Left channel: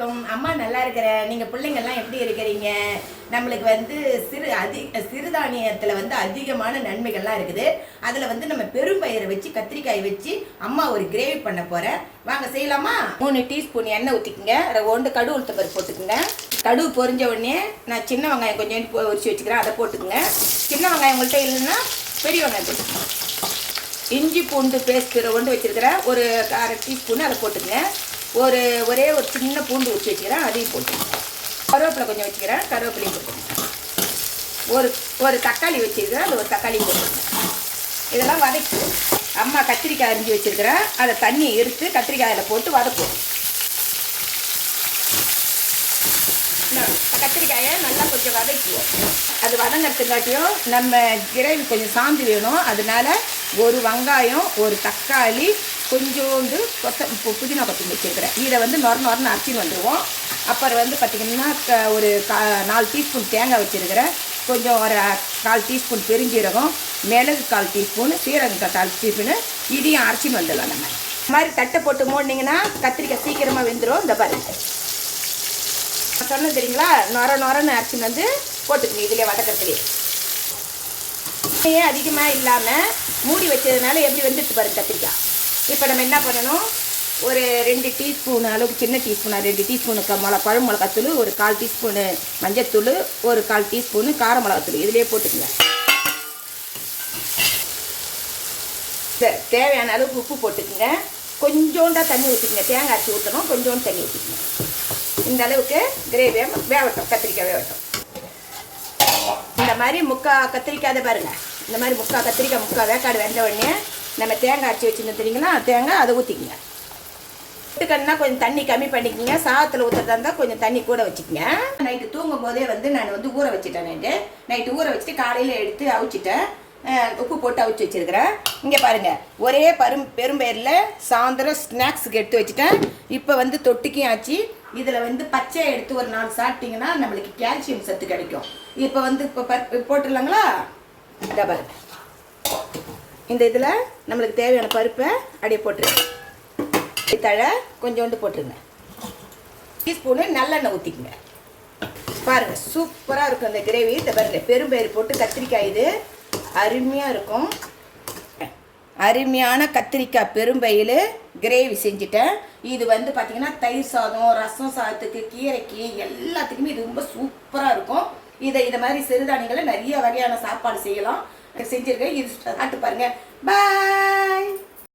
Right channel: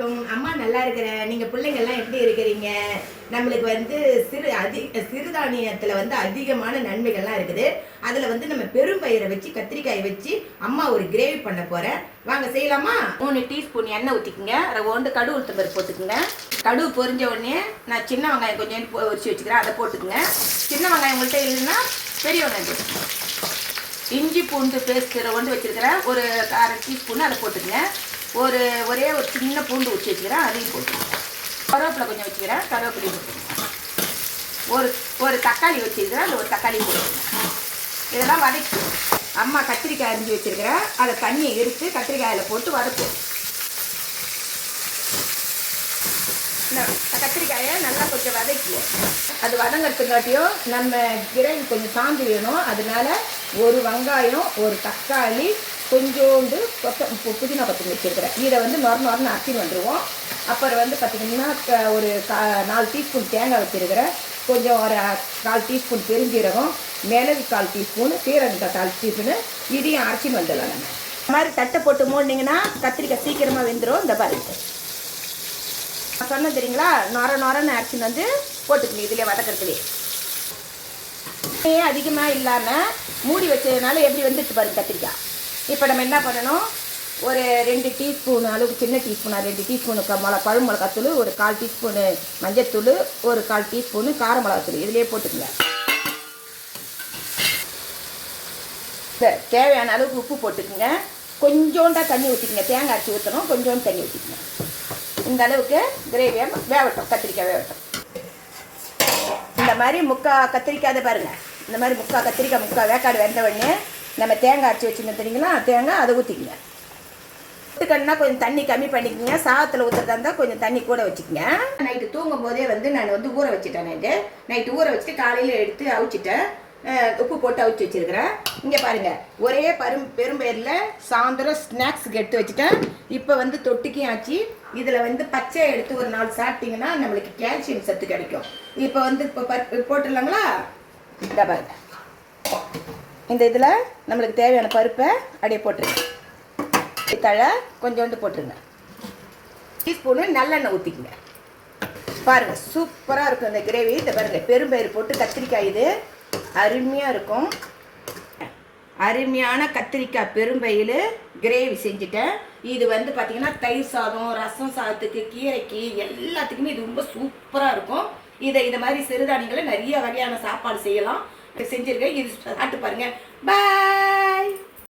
வணக்கம். அம்மா நல்லா இருக்கிறேன். நீங்கள் பிள்ளைங்கள்லாம் எப்படி இருக்கிறீங்க? நம்மளுக்கு வந்து சிறுதானியத்தில் வந்து அதிகமான நன்மைகள்லாம் இருக்குது. அதில் வந்து நம்ம பெரும்பயிரை வச்சு கத்திரிக்காயை வச்சு அம்மா ஒரு கிரேவி பண்ண போகிறேன். வாங்க செய்யலாமா? 3 டீஸ்பூன் எண்ணெய் ஊற்றிக்குங்க. அதை ஒன்று கடுகு உளுத்தம் பருப்பு போட்டுக்குங்க. கடுகு பொரிஞ்ச உடனே நான் சின்ன வெங்காயம் கொஞ்சம் உரிச்சு வச்சுக்கிறேன், அதை போட்டுக்குங்க. சின்ன வெங்காயம் உங்கள்கிட்ட இல்லைன்னா பெரிய வெங்காயம் போட்டுக்குங்க. இஞ்சி பூண்டு பேஸ்ட் கொண்டு வச்சுருக்கிறேன், ஒரு 1/2 டீஸ்பூன் அதை போட்டுக்குங்க. ஒரே ஒரு சின்ன பூண்டு வச்சு வச்சுக்கிறேன், அதையும் போட்டுக்கோங்க. கருவேப்பிலை கொஞ்சம் வச்சுக்கிறேன், கருவேப்பிலையும் போட்டுக்கோங்க. ஒரு தக்காளி வச்சுருக்கிறேன், அது ஒரு தக்காளி போட்டுக்கோங்க. இதெல்லாம் வதக்கி அம்மா கத்திரிக்காய் அரிஞ்சு வச்சுருக்கிறேன், அதை தண்ணியை எடுத்து கத்திரிக்காயில் போட்டு வதக்குவோம். கத்திரிக்காயை நல்லா கொஞ்சம் வதக்குவோம். அது வதங்கிறதுக்காட்டியும் நம்ம கிரேவி கொஞ்சம் சாந்து வேணும். அதனால ஒரு வெங்காயம், ஒரு தக்காளி, கொஞ்சோண்டு புதினா கொத்தமல்லி வச்சுருக்கிறேன். இதை வந்து நொரன்னு அரைச்சின்னு வந்துடுவோம். அப்புறம் வந்து பார்த்திங்கன்னா ஒரு 4 டீஸ்பூன் தேங்காய் வச்சுருக்கிறேன், கொஞ்சம் ஒரு 4 டீஸ்பூன் பெருஞ்சீரகம், மிளகு 1/4 டீஸ்பூன், சீரகம் 1/4 டீஸ்பூனு, இதையும் அரைச்சின்னு வந்துடலாம். நம்ம இந்த மாதிரி தட்டை போட்டு மூடினீங்கன்னா கத்திரிக்காய் சீக்கிரமாக வெந்துடும். இந்த பாருங்க சொன்னது தெரியுங்களா, நொரன்னு அரைச்சின்னு வந்து போட்டுக்கணும். இதிலே வதக்கிறதுலே அதிகமாக இல்லாமல் மூடி வச்சதுனால எப்படி வந்துட்டு பாருங்க கத்திரிக்காய். இப்போ நம்ம என்ன பண்ணணும், ஒரு 2 டீஸ்பூன் அளவுக்கு, சின்ன டீஸ்பூனாக 2 டீஸ்பூனுக்கு பழம் மிளகாத்தூள், ஒரு 1/4 டீஸ்பூனு மஞ்சத்தூள், ஒரு 1/4 டீஸ்பூனு கார மிளகாத்தூள் இதிலே போட்டுக்குங்க. சரி, தேவையான அளவுக்கு உப்பு போட்டுக்குங்க. கொஞ்சோண்டா தண்ணி ஊற்றிக்குங்க. தேங்காய் அரைச்சி ஊற்றணும், கொஞ்சோண்டு தண்ணி ஊற்றிக்குங்க. இந்த அளவுக்கு கிரேவியை வேகட்டும், கத்திரிக்காய் வேகட்டும். இந்த மாதிரி கத்திரிக்காய் பாருங்கள், இந்த மாதிரி கத்திரிக்காய் வேக்காடு வெந்த உடனே நம்ம தேங்காய் அரைச்சி வச்சுங்க தெரியுங்களா, தேங்காய் அதை ஊற்றிக்குங்க. ஊற்றுக்கணுன்னா கொஞ்சம் தண்ணி கம்மி பண்ணிக்கோங்க. சாதத்தில் ஊற்றுறதா இருந்தால் கொஞ்சம் தண்ணி கூட வச்சுக்கோங்க. நைட்டு தூங்கும் போதே நான் ஊற வச்சுட்டேன். நைட்டு ஊற வச்சுட்டு காலையில் எடுத்து அவிச்சிட்டேன், உப்பு போட்டு அவிச்சு வச்சுருக்கிறேன். இங்கே பாருங்கள், ஒரே பெரும்பயிரில் சாயந்தரம் ஸ்நாக்ஸுக்கு எடுத்து வச்சுட்டேன். இப்போ வந்து தொட்டிக்கும் ஆச்சு. இதில் வந்து பச்சையை எடுத்து ஒரு 4 சாப்பிட்டிங்கன்னா நம்மளுக்கு கால்சியம் சத்து கிடைக்கும். இப்போ வந்து போட்டுடலாங்களா? இந்த பாருங்க, இந்த இதில் நம்மளுக்கு தேவையான பருப்பை அப்படியே போட்டுருங்க. தழை கொஞ்சோண்டு போட்டுருங்க. டீஸ்பூனு நல்லெண்ணெய் ஊற்றிக்குங்க. பாருங்கள், சூப்பராக இருக்கும் இந்த கிரேவி. இந்த பாருங்கள், பெரும்பயிறு போட்டு கத்திரிக்காய், இது அருமையாக இருக்கும். அருமையான கத்திரிக்காய் பெரும்பயிறு கிரேவி செஞ்சுட்டேன். இது வந்து பார்த்திங்கன்னா தயிர் சாதம், ரசம் சாதத்துக்கு, கீரைக்கு எல்லாத்துக்குமே இது ரொம்ப சூப்பராக இருக்கும். இதை மாதிரி சிறுதானியங்களை நிறைய வகையான சாப்பாடு செய்யலாம். செஞ்சுருக்கேன். இது சாப்பிட்டு பாருங்கள். பாய்.